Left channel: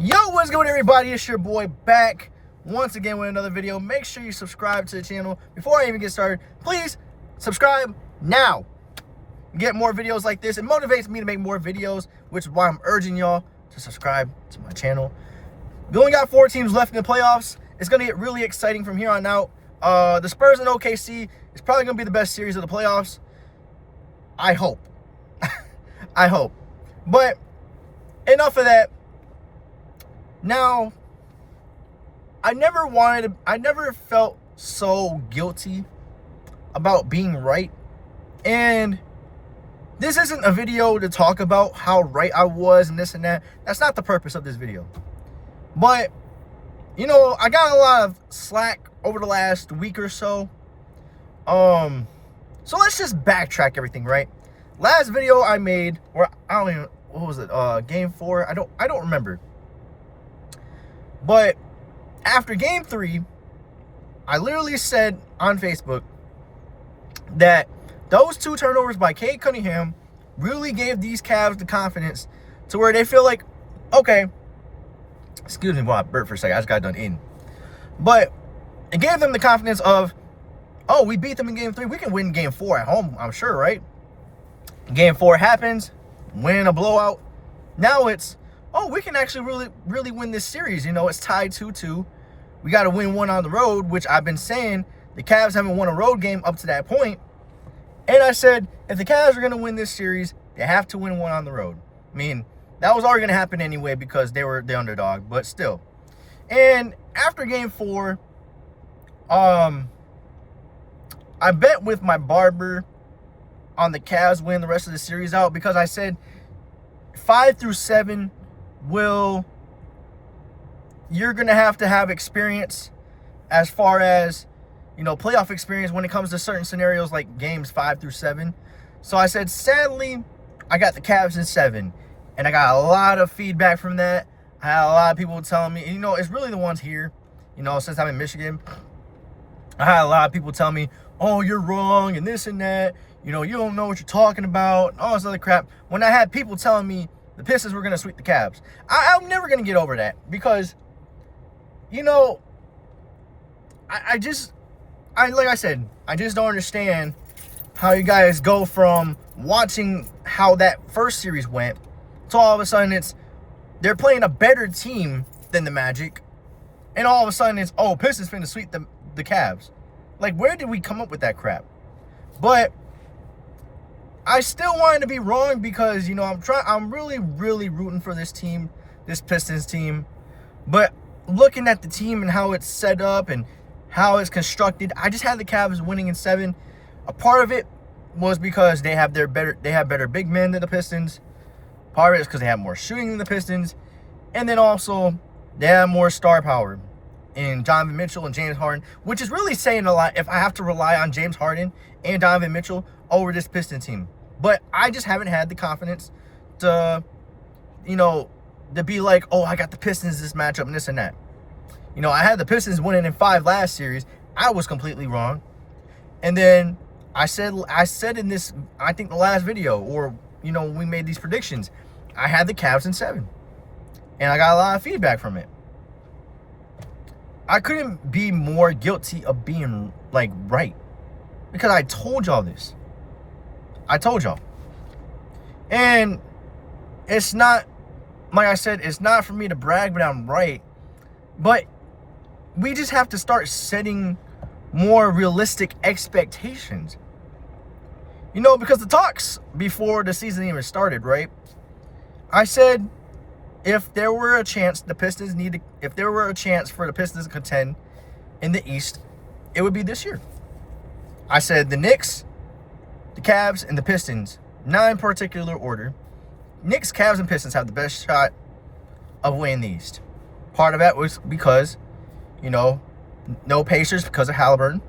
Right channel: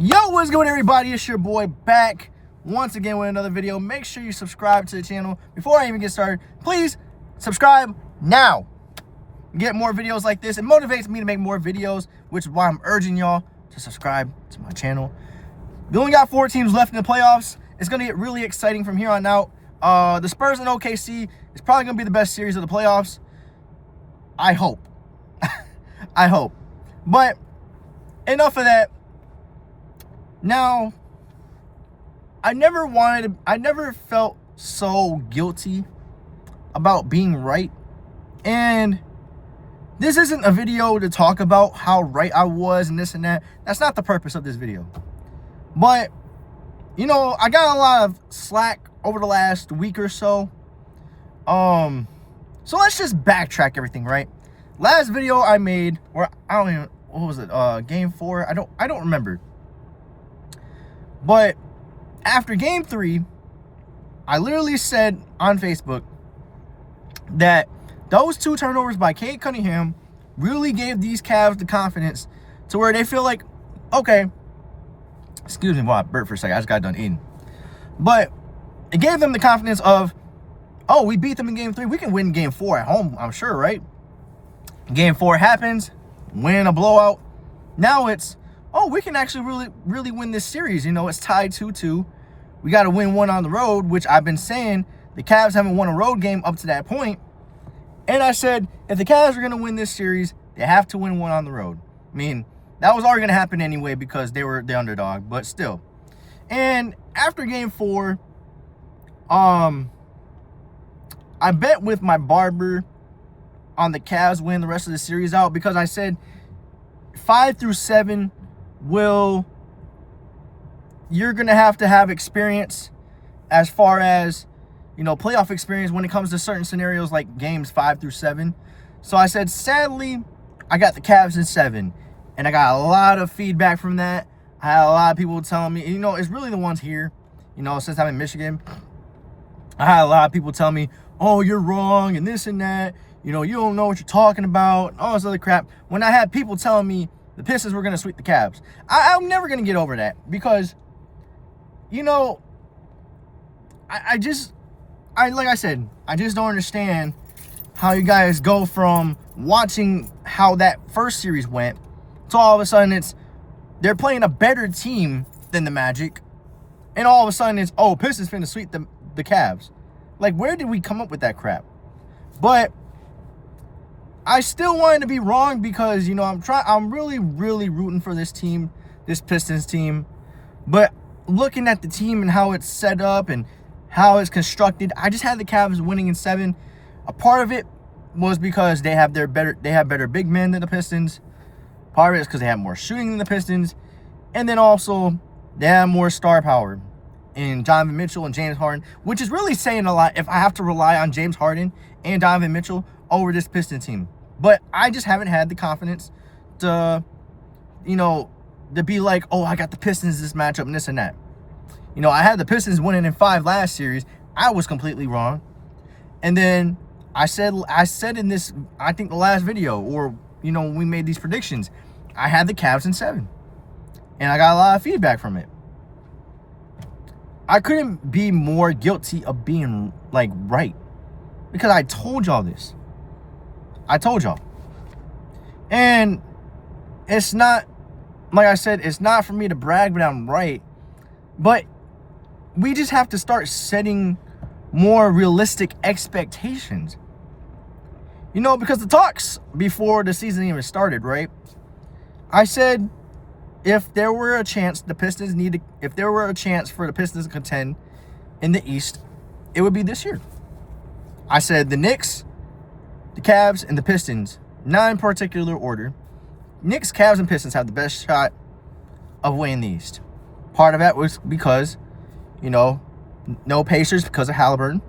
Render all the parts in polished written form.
Yo, what's going on, everybody? It's your boy back once again with another video. Make sure you subscribe to the channel. Before I even get started, please subscribe now. Get more videos like this. It motivates me to make more videos, which is why I'm urging y'all to subscribe to my channel. We only got 4 teams left in the playoffs. It's going to get really exciting from here on out. The Spurs and OKC is probably going to be the best series of the playoffs. I hope. I hope. But enough of that. Now, I never felt so guilty about being right. And this isn't a video to talk about how right I was and this and that. That's not the purpose of this video. But, you know, I got a lot of slack over the last week or so. So let's just backtrack everything, right? Last video I made, or I don't even, what was it? Game 4? I don't remember. But after game 3, I literally said on Facebook that those 2 turnovers by Cade Cunningham really gave these Cavs the confidence to where they feel like, okay, excuse me while I burped for a second, I just got done eating. But it gave them the confidence of, oh, we beat them in game 3, we can win game 4 at home, I'm sure, right? Game 4 happens, win a blowout. Now it's, oh, we can actually really win this series. You know, it's tied 2-2. We got to win one on the road, which I've been saying the Cavs haven't won a road game up to that point. And I said, if the Cavs are going to win this series, they have to win one on the road. I mean, that was already going to happen anyway because they were the underdog, but still. And after game 4, I bet with my barber on the Cavs win the rest of the series out because I said 5 through 7 you're going to have experience as far as, you know, playoff experience when it comes to certain scenarios like games 5 through 7. So I said, sadly, I got the Cavs in 7. And I got a lot of feedback from that. I had a lot of people telling me, you know, it's really the ones here, you know, since I'm in Michigan. I had a lot of people tell me, oh, you're wrong and this and that. You know, you don't know what you're talking about, all this other crap. When I had people telling me the Pistons were going to sweep the Cavs, I'm never going to get over that because, you know, I like I said, I just don't understand how you guys go from watching how that first series went to all of a sudden they're playing a better team than the Magic, and all of a sudden it's, oh, Pistons finna sweep the Cavs. Like, where did we come up with that crap? But I still wanted to be wrong because, you know, I'm really rooting for this team, this Pistons team. But looking at the team and how it's set up and how it's constructed, I just had the Cavs winning in 7. A part of it was because they have better big men than the Pistons. Part of it is because they have more shooting than the Pistons. And then also they have more star power in Donovan Mitchell and James Harden, which is really saying a lot if I have to rely on James Harden and Donovan Mitchell over this Pistons team. But I just haven't had the confidence to, you know, to be like, oh, I got the Pistons this matchup and this and that. You know, I had the Pistons winning in 5 last series. I was completely wrong. And then I said in this, I think the last video, or, you know, when we made these predictions, I had the Cavs in 7. And I got a lot of feedback from it. I couldn't be more guilty of being, like, right. Because I told y'all this. I told y'all. And it's not, like I said, it's not for me to brag, but I'm right. But we just have to start setting more realistic expectations. You know, because the talks before the season even started, right? I said if there were a chance for the Pistons to contend in the East, it would be this year. I said the Knicks, the Cavs, and the Pistons, not in particular order. Knicks, Cavs, and Pistons have the best shot of winning the East. Part of that was because, you know, no Pacers because of Halliburton.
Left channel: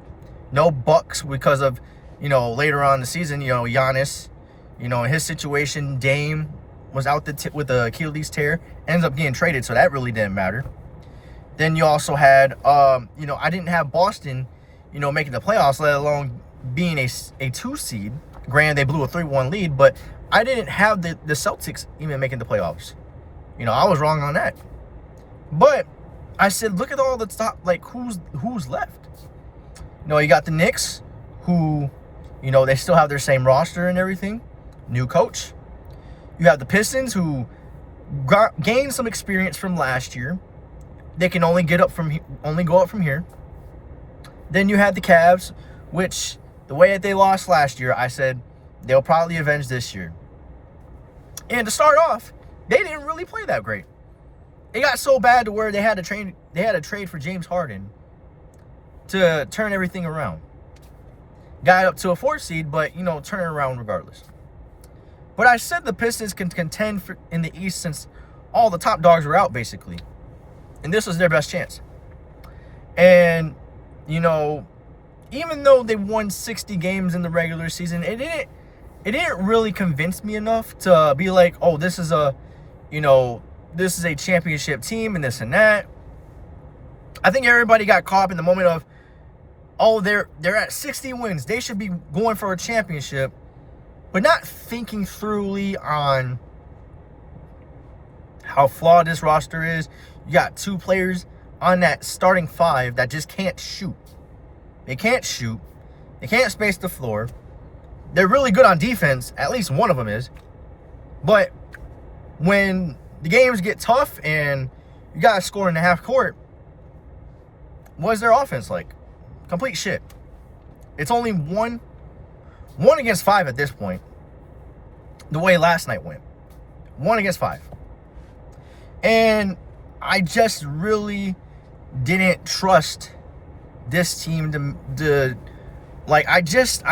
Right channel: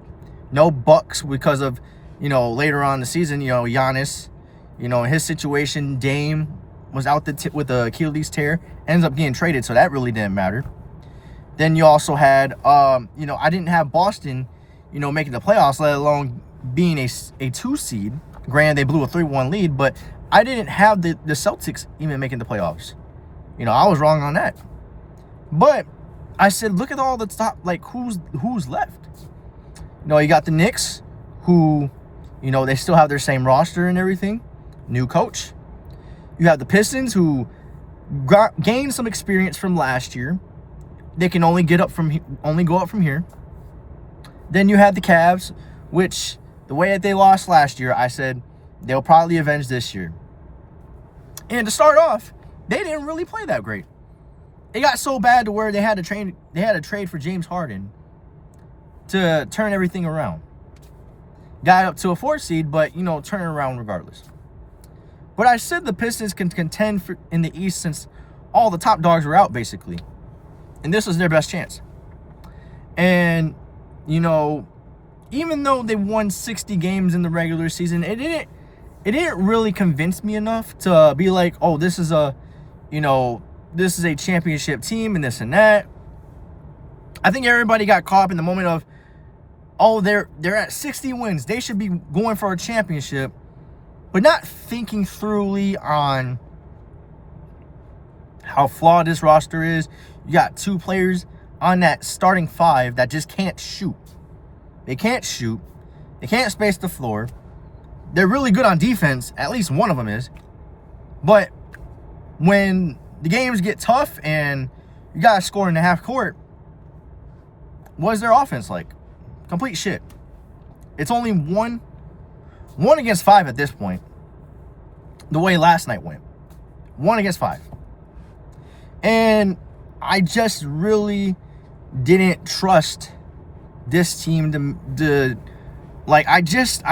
No Bucks because of, you know, later on in the season, you know, Giannis, you know, in his situation, Dame was out with the Achilles tear, ends up getting traded, so that really didn't matter. Then you also had, you know, I didn't have Boston, you know, making the playoffs, let alone being a 2 seed. Granted, they blew a 3-1 lead, but I didn't have the Celtics even making the playoffs. You know, I was wrong on that. But I said, look at all the top, like, who's left. You got the Knicks, who, they still have their same roster and everything. New coach. You have the Pistons, who gained some experience from last year. They can only go up from here. Then you had the Cavs, which the way that they lost last year, I said they'll probably avenge this year. And to start off, they didn't really play that great. It got so bad to where they had to trade for James Harden to turn everything around. Got up to a 4th seed, but turn it around regardless. But I said the Pistons can contend in the East since all the top dogs were out, basically. And this was their best chance. And, even though they won 60 games in the regular season, it didn't really convince me enough to be like, oh, this is a championship team and this and that. I think everybody got caught up in the moment of, oh, they're at 60 wins. They should be going for a championship. But not thinking thoroughly on how flawed this roster is. You got 2 players on that starting 5 that just can't shoot. They can't shoot. They can't space the floor. They're really good on defense. At least one of them is. But when the games get tough and you got to score in the half court, what's their offense like? Complete shit. It's only 1 against 5 at this point. The way last night went. 1 against 5. And I just really didn't trust this team to like, I just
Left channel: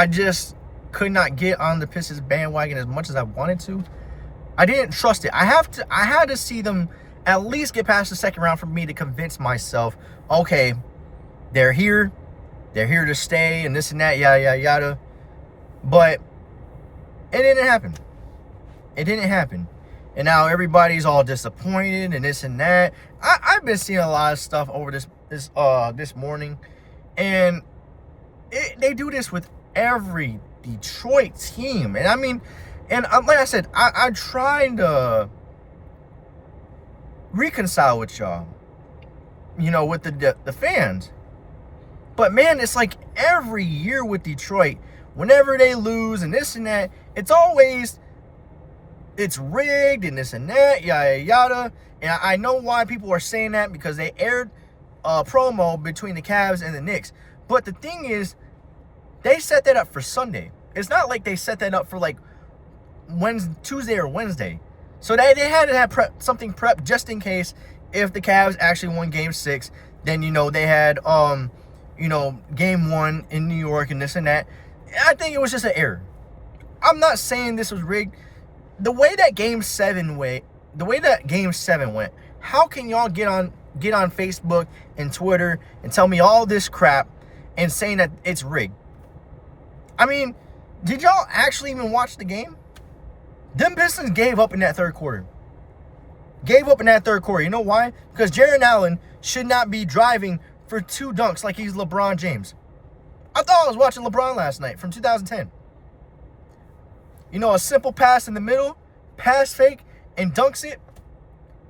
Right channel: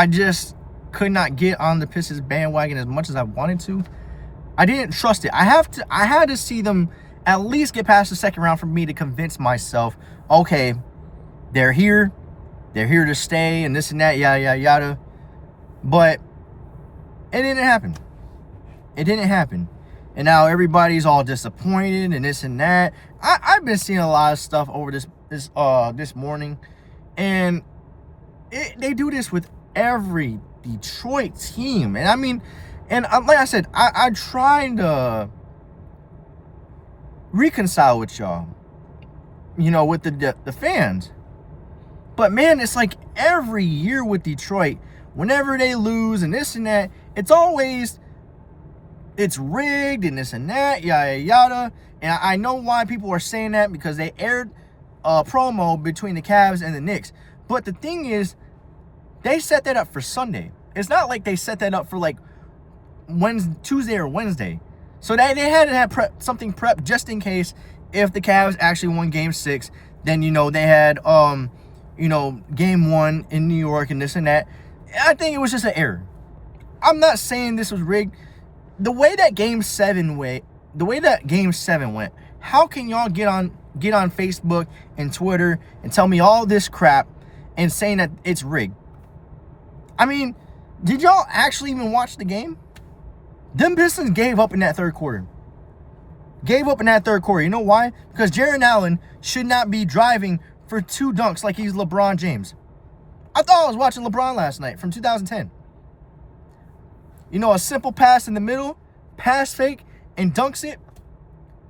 could not get on the Pistons bandwagon as much as I wanted to. I didn't trust it. I had to see them at least get past the second round for me to convince myself, okay, they're here to stay and this and that, yada, yada, yada. But it didn't happen. It didn't happen. And now everybody's all disappointed and this and that. I've been seeing a lot of stuff over this morning. And they do this with every Detroit team. And I mean, like I said, I tried to reconcile with y'all, with the fans. But man, it's like every year with Detroit, whenever they lose and this and that, it's rigged and this and that, yada, yada. And I know why people are saying that, because they aired a promo between the Cavs and the Knicks. But the thing is, they set that up for Sunday. It's not like they set that up for like Tuesday or Wednesday. So they had to have something prepped just in case if the Cavs actually won Game 6. Then, they had, Game 1 in New York and this and that. I think it was just an error. I'm not saying this was rigged. The way that Game 7 went, how can y'all get on Facebook and Twitter and tell me all this crap and saying that it's rigged? I mean, did y'all actually even watch the game? Them Pistons gave up in that third quarter. You know why? Because Jared Allen should not be driving for 2 dunks like he's LeBron James. I thought I was watching LeBron last night from 2010. A simple pass in the middle, pass fake, and dunks it.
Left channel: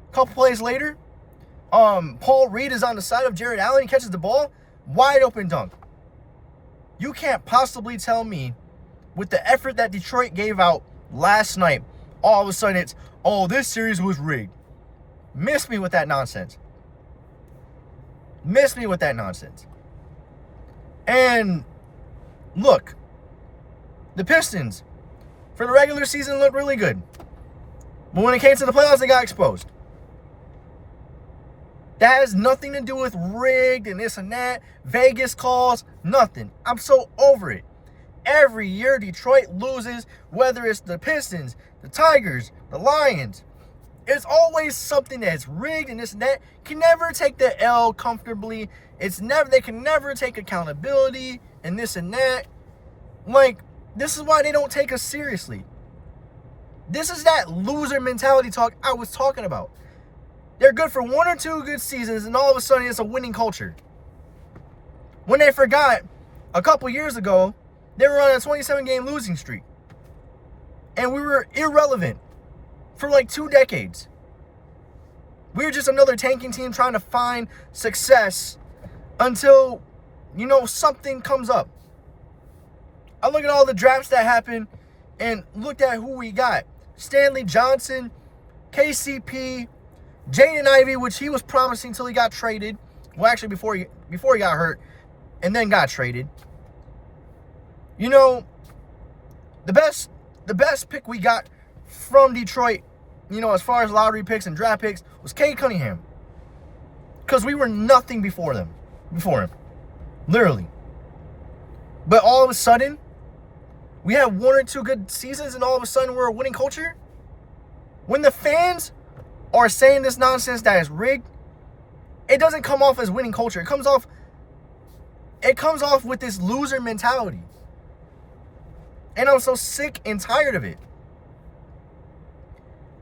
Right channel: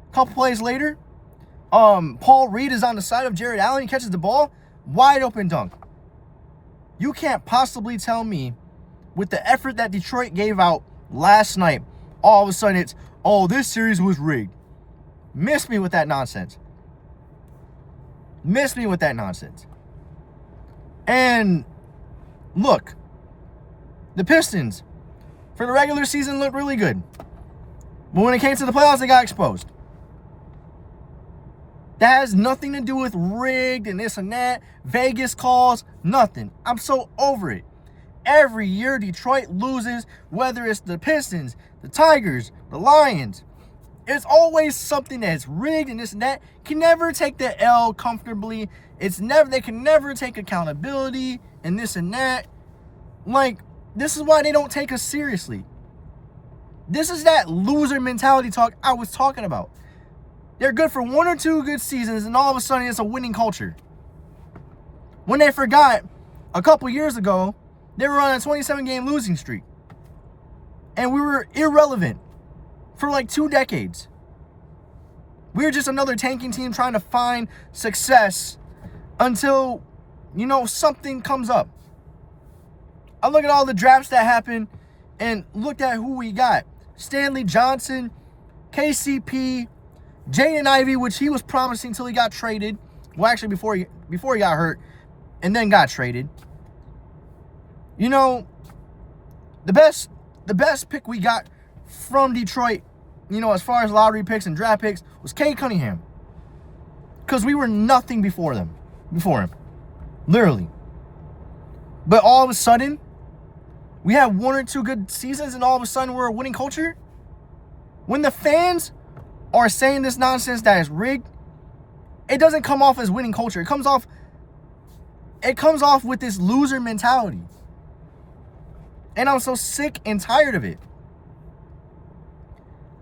A couple plays later, Paul Reed is on the side of Jared Allen. He catches the ball, wide open dunk. You can't possibly tell me, with the effort that Detroit gave out last night, all of a sudden it's, oh, this series was rigged. Miss me with that nonsense. And look, the Pistons, for the regular season, looked really good. But when it came to the playoffs, they got exposed. That has nothing to do with rigged and this and that. Vegas calls, nothing. I'm so over it. Every year Detroit loses, whether it's the Pistons, the Tigers, the Lions. It's always something that's rigged and this and that. Can never take the L comfortably. They can never take accountability and this and that. Like, this is why they don't take us seriously. This is that loser mentality talk I was talking about. They're good for 1 or 2 good seasons, and all of a sudden it's a winning culture. When they forgot, a couple years ago, they were on a 27-game losing streak. And we were irrelevant for like 2 decades. We're just another tanking team trying to find success until, something comes up. I look at all the drafts that happened and looked at who we got. Stanley Johnson, KCP, Jaden Ivey, which he was promising until he got traded. Well, actually, before he got hurt and then got traded. The best pick we got from Detroit, as far as lottery picks and draft picks, was Cade Cunningham. Because we were nothing before him. Literally. But all of a sudden, we have one or two good seasons and all of a sudden we're a winning culture? When the fans are saying this nonsense that is rigged, it doesn't come off as winning culture. It comes off with this loser mentality. And I'm so sick and tired of it.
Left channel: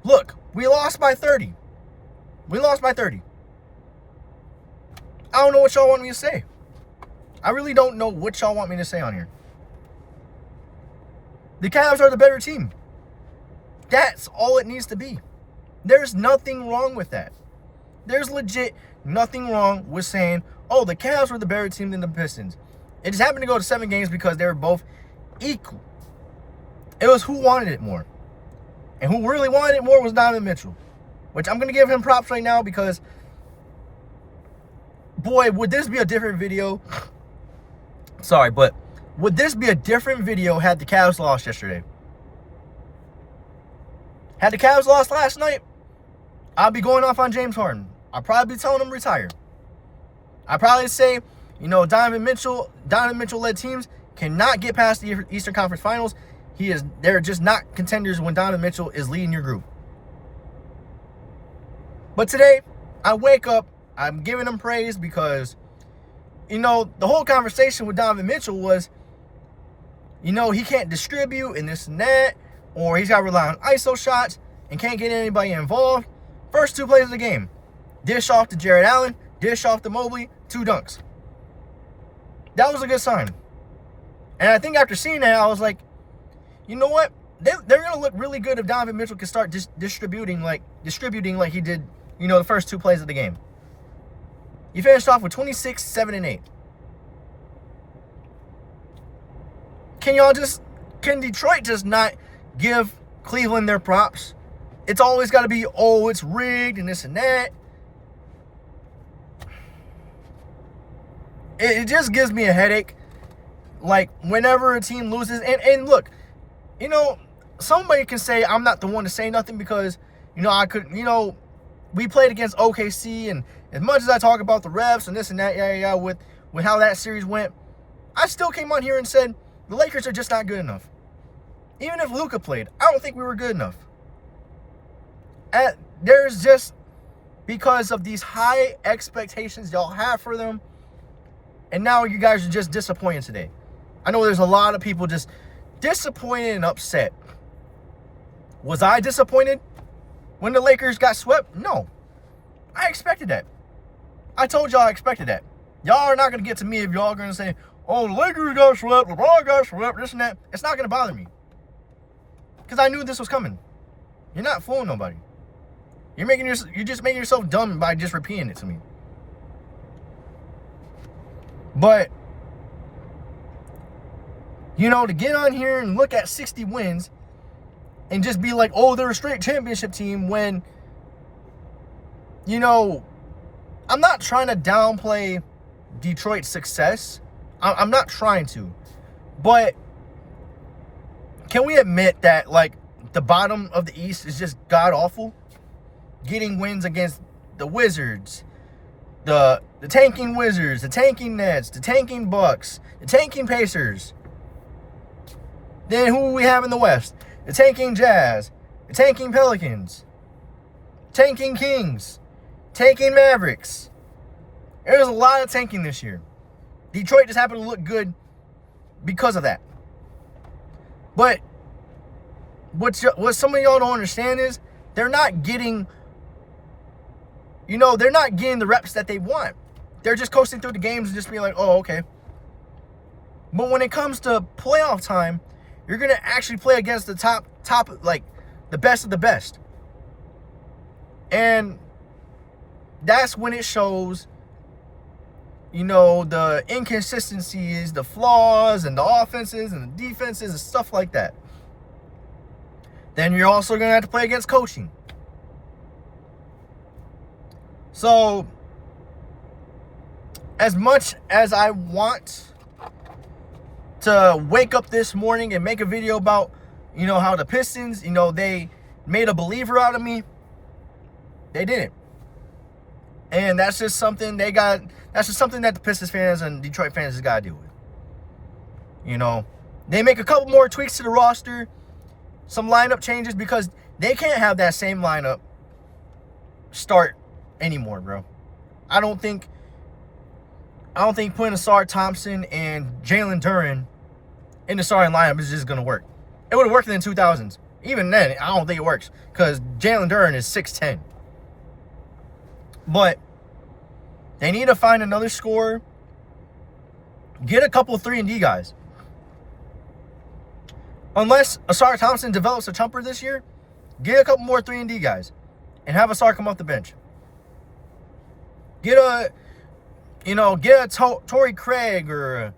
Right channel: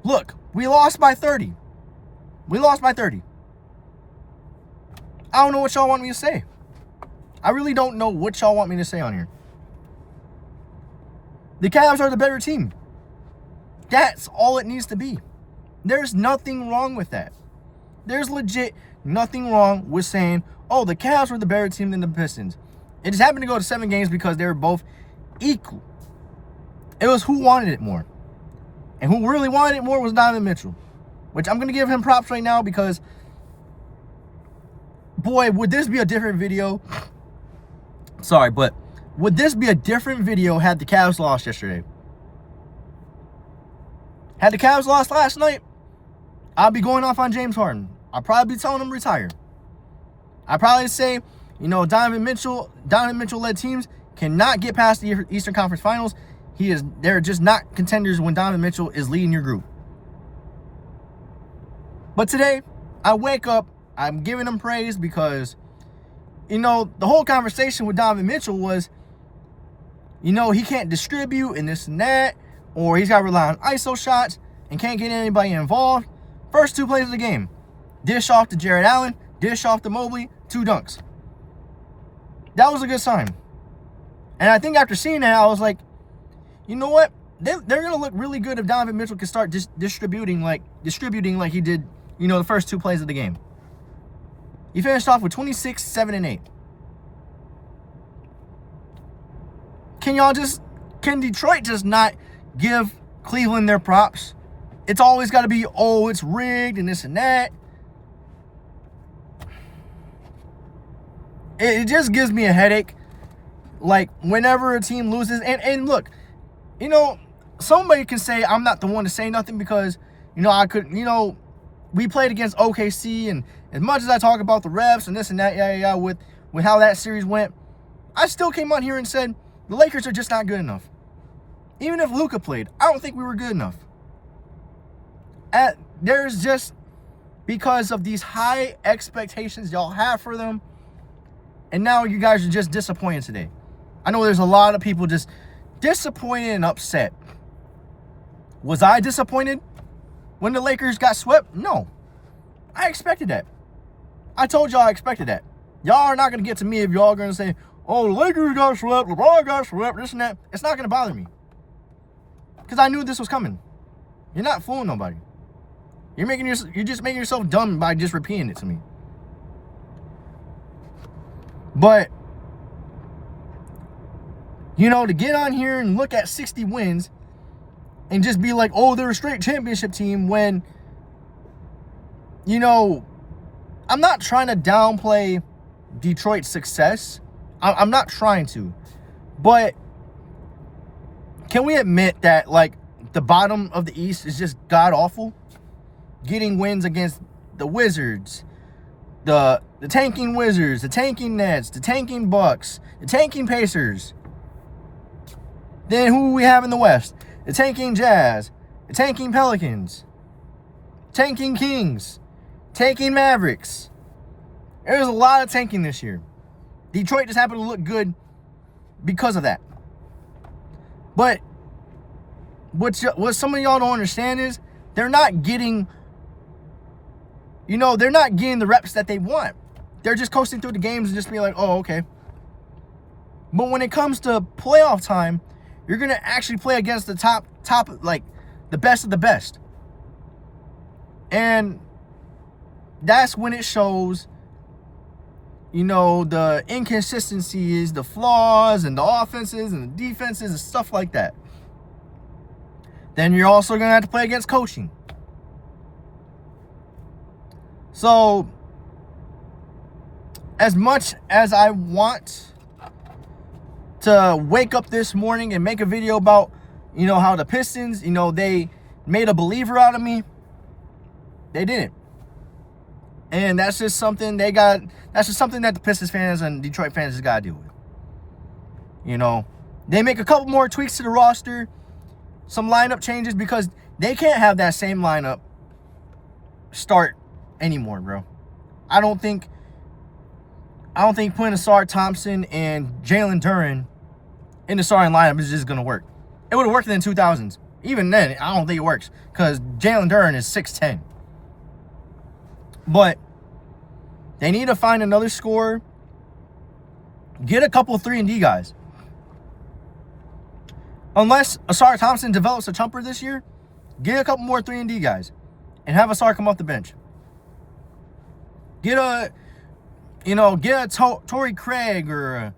Look, we lost by 30. I don't know what y'all want me to say. I really don't know what y'all want me to say on here. The Cavs are the better team. That's all it needs to be. There's nothing wrong with that. There's legit nothing wrong with saying, oh, the Cavs were the better team than the Pistons. It just happened to go to 7 games because they were both equal. It was who wanted it more. And who really wanted it more was Donovan Mitchell. Which I'm going to give him props right now because, boy, would this be a different video. Sorry, but would this be a different video had the Cavs lost yesterday? Had the Cavs lost last night, I'd be going off on James Harden. I'd probably be telling him to retire. I'd probably say, Donovan Mitchell-led teams cannot get past the Eastern Conference Finals. They're just not contenders when Donovan Mitchell is leading your group. But today, I wake up, I'm giving him praise because, the whole conversation with Donovan Mitchell was, he can't distribute and this and that, or he's got to rely on ISO shots and can't get anybody involved. First 2 plays of the game. Dish off to Jared Allen, dish off to Mobley, 2 dunks. That was a good sign. And I think after seeing that, I was like, you know what? They're going to look really good if Donovan Mitchell can start distributing like he did, the first 2 plays of the game. He finished off with 26, 7, and 8. Can Detroit just not give Cleveland their props? It's always got to be, oh, it's rigged and this and that. It just gives me a headache. Like, whenever a team loses, and look, somebody can say I'm not the one to say nothing because, we played against OKC, and as much as I talk about the refs and this and that, with how that series went, I still came on here and said the Lakers are just not good enough. Even if Luka played, I don't think we were good enough. And there's just, because of these high expectations y'all have for them, and now you guys are just disappointed today. I know there's a lot of people just disappointed and upset. Was I disappointed when the Lakers got swept? No. I expected that. I told y'all I expected that. Y'all are not going to get to me if y'all are going to say, oh, the Lakers got swept, LeBron got swept, this and that. It's not going to bother me. Because I knew this was coming. You're not fooling nobody. You're just making yourself dumb by just repeating it to me. But, to get on here and look at 60 wins and just be like, oh, they're a straight championship team when, I'm not trying to downplay Detroit's success. I'm not trying to. But can we admit that, the bottom of the East is just god-awful? Getting wins against the Wizards, the tanking Wizards, the tanking Nets, the tanking Bucks, the tanking Pacers. Then who we have in the West? The tanking Jazz, the tanking Pelicans, tanking Kings, tanking Mavericks. There's a lot of tanking this year. Detroit just happened to look good because of that. But what some of y'all don't understand is they're not getting the reps that they want. They're just coasting through the games and just being like, oh, okay. But when it comes to playoff time, you're going to actually play against the top, the best of the best. And that's when it shows, the inconsistencies, the flaws, and the offenses and the defenses and stuff like that. Then you're also going to have to play against coaching. So, as much as I want to wake up this morning and make a video about, how the Pistons, they made a believer out of me, they didn't. And that's just something that's just something that the Pistons fans and Detroit fans has got to deal with. They make a couple more tweaks to the roster, some lineup changes, because they can't have that same lineup start anymore, bro. I don't think putting Asar Thompson and Jalen Duren in the starting lineup is just going to work. It would have worked in the 2000s. Even then, I don't think it works because Jalen Duren is 6'10". But they need to find another scorer. Get a couple 3-and-D guys. Unless Asar Thompson develops a jumper this year, get a couple more 3-and-D guys and have Asar come off the bench. Get a Torrey Craig or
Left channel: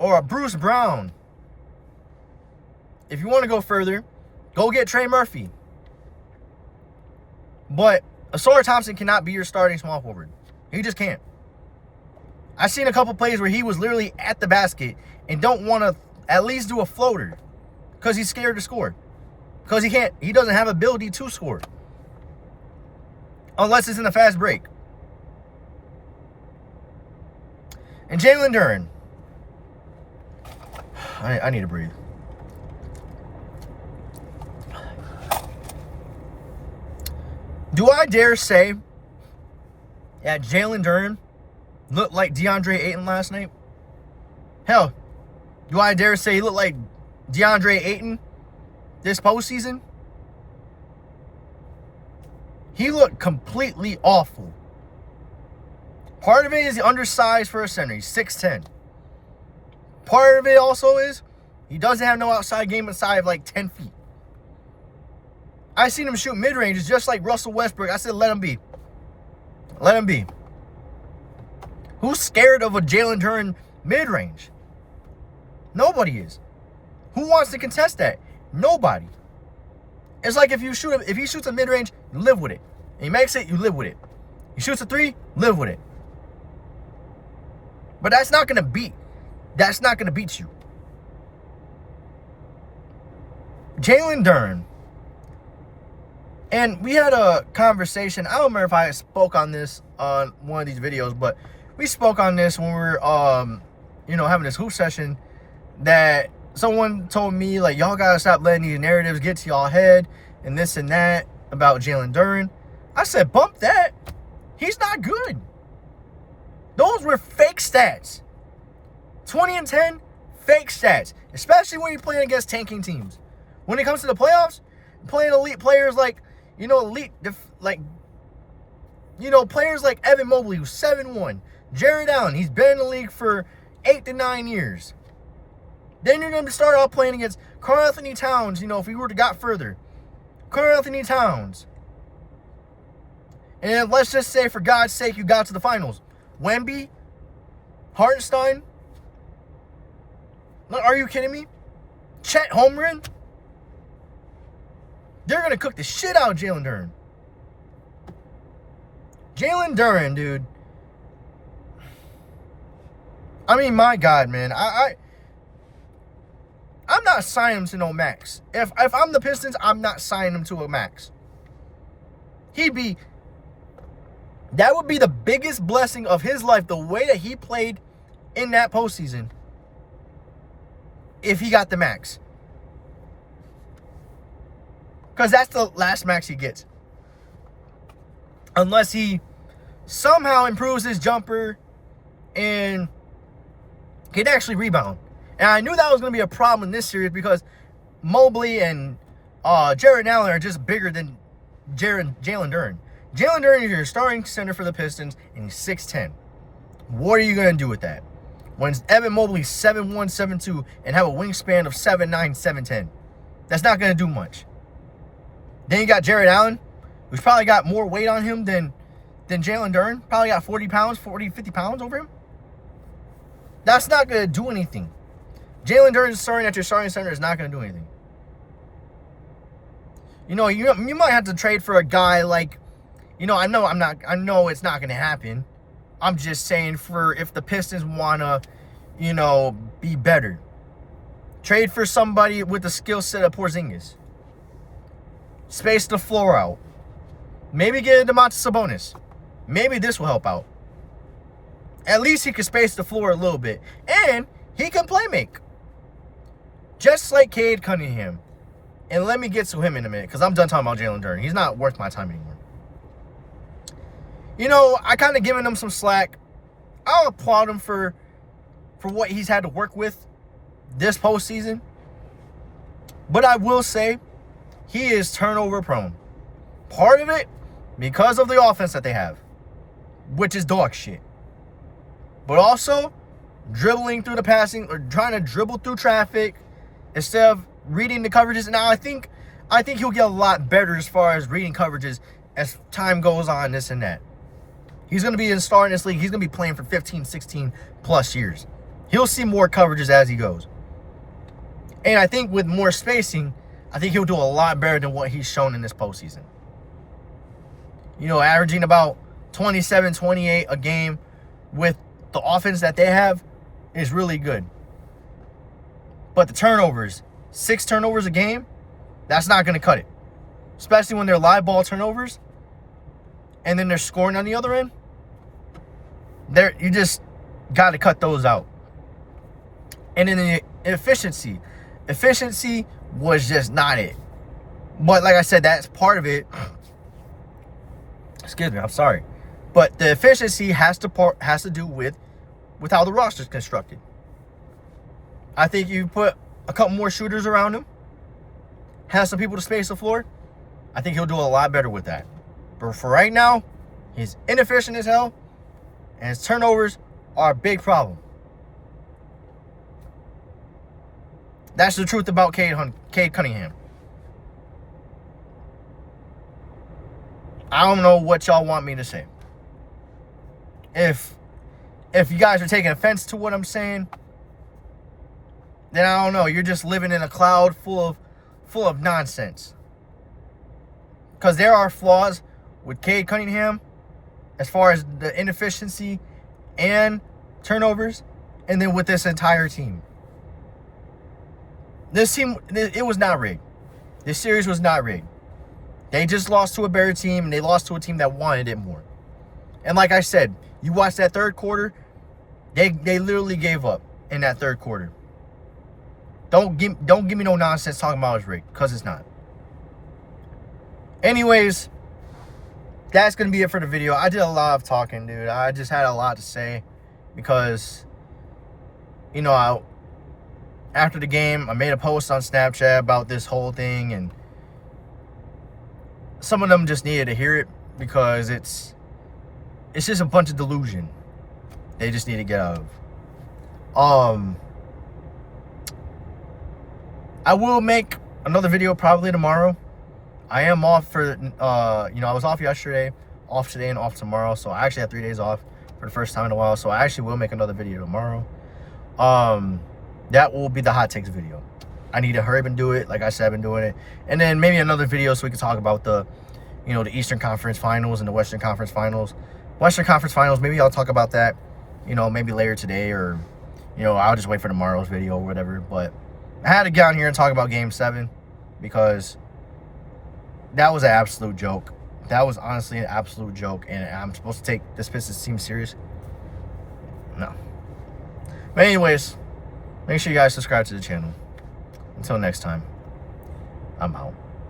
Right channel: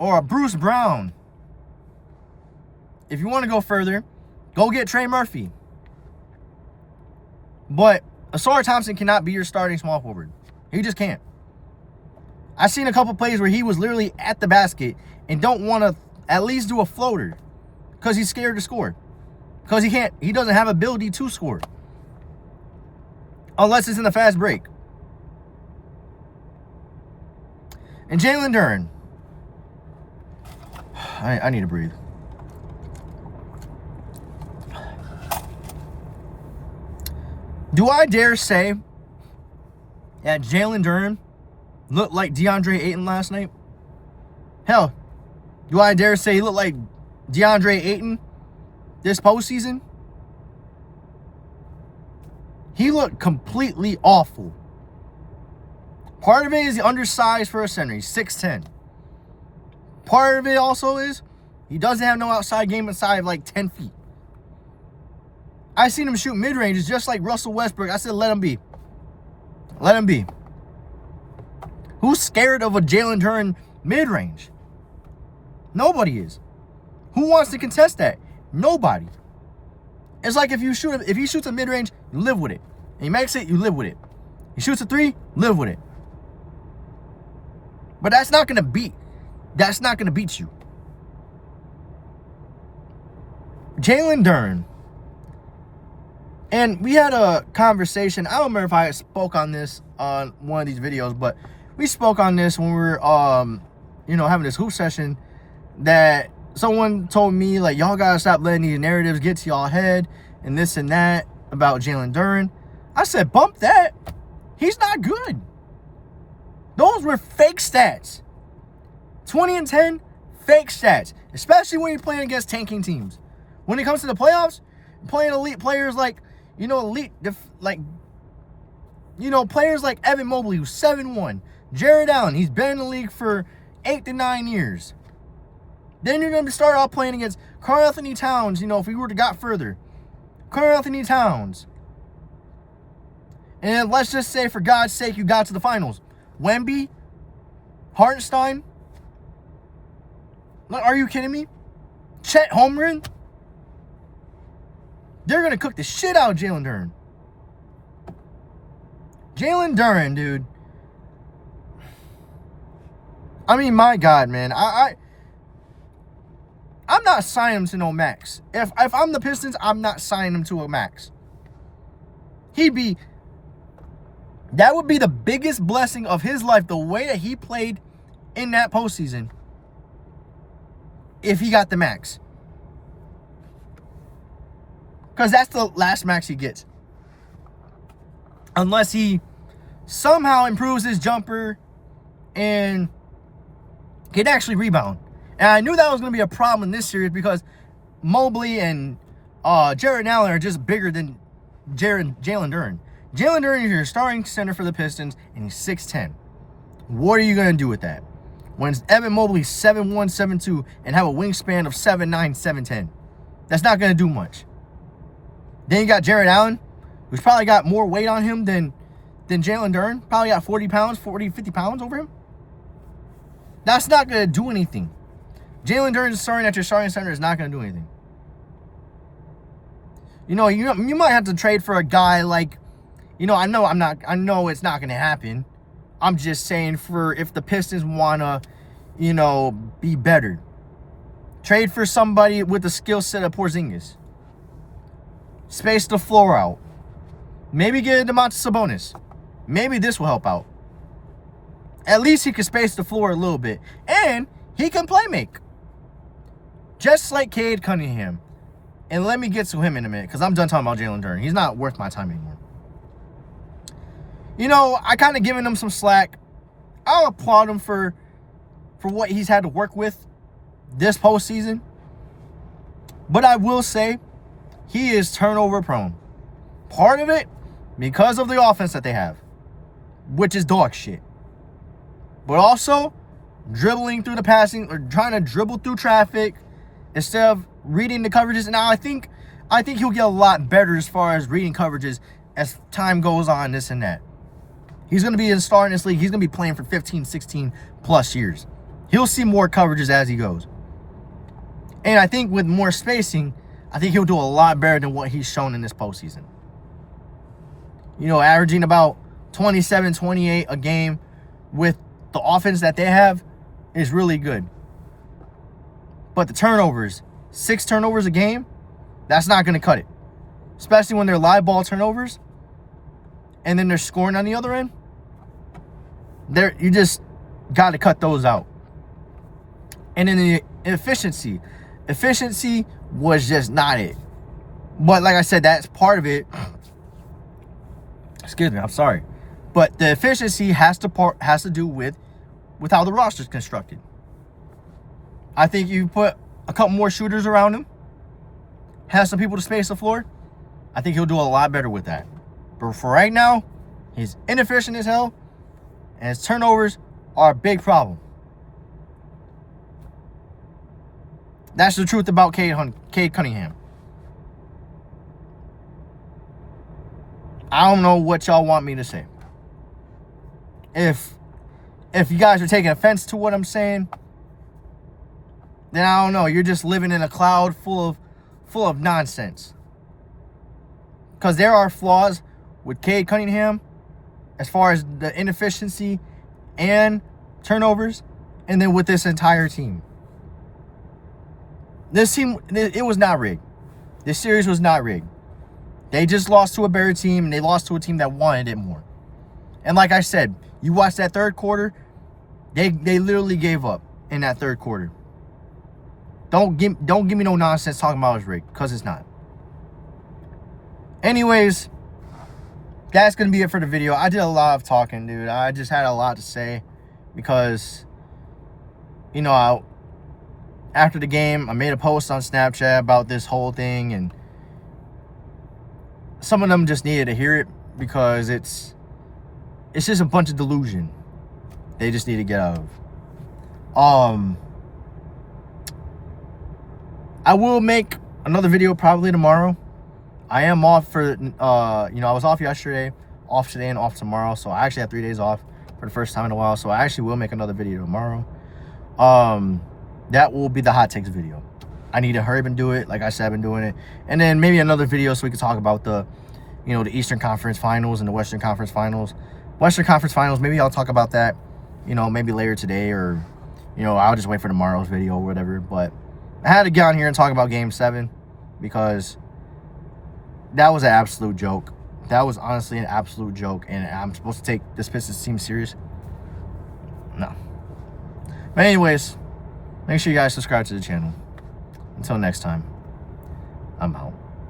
a Bruce Brown. If you want to go further, go get Trey Murphy. But Asar Thompson cannot be your starting small forward. He just can't. I've seen a couple plays where he was literally at the basket and don't want to at least do a floater because he's scared to score. Because he doesn't have ability to score. Unless it's in the fast break. And Jalen Duren. I need to breathe. Do I dare say that Jalen Duren looked like DeAndre Ayton last night? Hell, do I dare say he looked like DeAndre Ayton this postseason? He looked completely awful. Part of it is undersized for a center. He's 6'10". Part of it also is he doesn't have no outside game inside of like 10 feet. I seen him shoot mid-ranges just like Russell Westbrook. I said, let him be. Let him be. Who's scared of a Jalen Duren mid-range? Nobody is. Who wants to contest that? Nobody. It's like if he shoots a mid-range, you live with it. And he makes it, you live with it. He shoots a 3, live with it. But that's not gonna beat you. Jalen Duren. And we had a conversation. I don't remember if I spoke on this on one of these videos, but we spoke on this when we were having this hoop session, that someone told me, like, y'all gotta stop letting these narratives get to y'all head and this and that about Jalen Duren. I said, bump that. He's not good. Those were fake stats. 20 and 10, fake stats. Especially when you're playing against tanking teams. When it comes to the playoffs, playing elite players like, players like Evan Mobley, who's 7'1". Jared Allen, he's been in the league for 8 to 9 years. Then you're going to start off playing against Karl Anthony Towns, if we were to got further. Karl Anthony Towns. And let's just say, for God's sake, you got to the finals. Wemby, Hartenstein. Are you kidding me? Chet Holmgren. They're going to cook the shit out of Jalen Duren. Jalen Duren, dude. I mean, my God, man. I'm not signing him to no max. If I'm the Pistons, I'm not signing him to a max. That would be the biggest blessing of his life, the way that he played in that postseason, if he got the max. Because that's the last max he gets. Unless he somehow improves his jumper and can actually rebound. And I knew that was going to be a problem in this series because Mobley and Jared Allen are just bigger than Jalen Duren. Jalen Duren is your starting center for the Pistons, and he's 6'10". What are you going to do with that? When Evan Mobley's 7'1", 7'2", and have a wingspan of 7'9", 7'10". That's not going to do much. Then you got Jared Allen, who's probably got more weight on him than than Jalen Duren. Probably got 40 pounds, 40, 50 pounds over him. That's not going to do anything. Jalen Duren starting at your starting center is not going to do anything. You know, you might have to trade for a guy like, you know, I know it's not going to happen. I'm just saying for if the Pistons want to, you know, be better. Trade for somebody with the skill set of Porzingis. Space the floor out. Maybe get Domantas Sabonis. Maybe this will help out. At least he can space the floor a little bit. And he can play make. Just like Cade Cunningham. And let me get to him in a minute, because I'm done talking about Jalen Duren. He's not worth my time anymore. You know, I kind of given him some slack. I'll applaud him for what he's had to work with this postseason. But I will say, he is turnover prone. Part of it, because of the offense that they have, which is dog shit. But also, dribbling through the passing, or trying to dribble through traffic, instead of reading the coverages. Now, I think he'll get a lot better as far as reading coverages as time goes on, this and that. He's going to be a star in this league. He's going to be playing for 15, 16 plus years. He'll see more coverages as he goes. And I think with more spacing, I think he'll do a lot better than what he's shown in this postseason. You know, averaging about 27, 28 a game with the offense that they have is really good. But the turnovers, 6 turnovers a game, that's not going to cut it. Especially when they're live ball turnovers and then they're scoring on the other end. You just got to cut those out. And then the efficiency. Efficiency was just not it. But like I said, that's part of it. Excuse me, I'm sorry. But the efficiency has to do with how the roster's constructed. I think you put a couple more shooters around him, have some people to space the floor, I think he'll do a lot better with that. But for right now, he's inefficient as hell, and his turnovers are a big problem. That's the truth about Cade Cunningham. I don't know what y'all want me to say. If you guys are taking offense to what I'm saying, then I don't know. You're just living in a cloud full of nonsense. Because there are flaws with Cade Cunningham as far as the inefficiency and turnovers, and then with this entire team. This team, it was not rigged. This series was not rigged. They just lost to a better team, and they lost to a team that wanted it more. And like I said, you watch that third quarter, they literally gave up in that third quarter. Don't give me no nonsense talking about it's rigged, because it's not. Anyways, that's going to be it for the video. I did a lot of talking, dude. I just had a lot to say because, you know, after the game, I made a post on Snapchat about this whole thing, and some of them just needed to hear it because it's just a bunch of delusion they just need to get out of. I will make another video probably tomorrow. I am off for, I was off yesterday, off today, and off tomorrow. So I actually have 3 days off for the first time in a while. So I actually will make another video tomorrow. That will be the hot takes video. I need to hurry up and do it. Like I said, I've been doing it. And then maybe another video so we can talk about the Eastern Conference Finals and the Western Conference Finals. Western Conference Finals, maybe I'll talk about that, maybe later today, or, I'll just wait for tomorrow's video or whatever. But I had to get on here and talk about Game 7 because that was an absolute joke. That was honestly an absolute joke, and I'm supposed to take this Pistons team serious? No. But anyways, make sure you guys subscribe to the channel. Until next time, I'm out.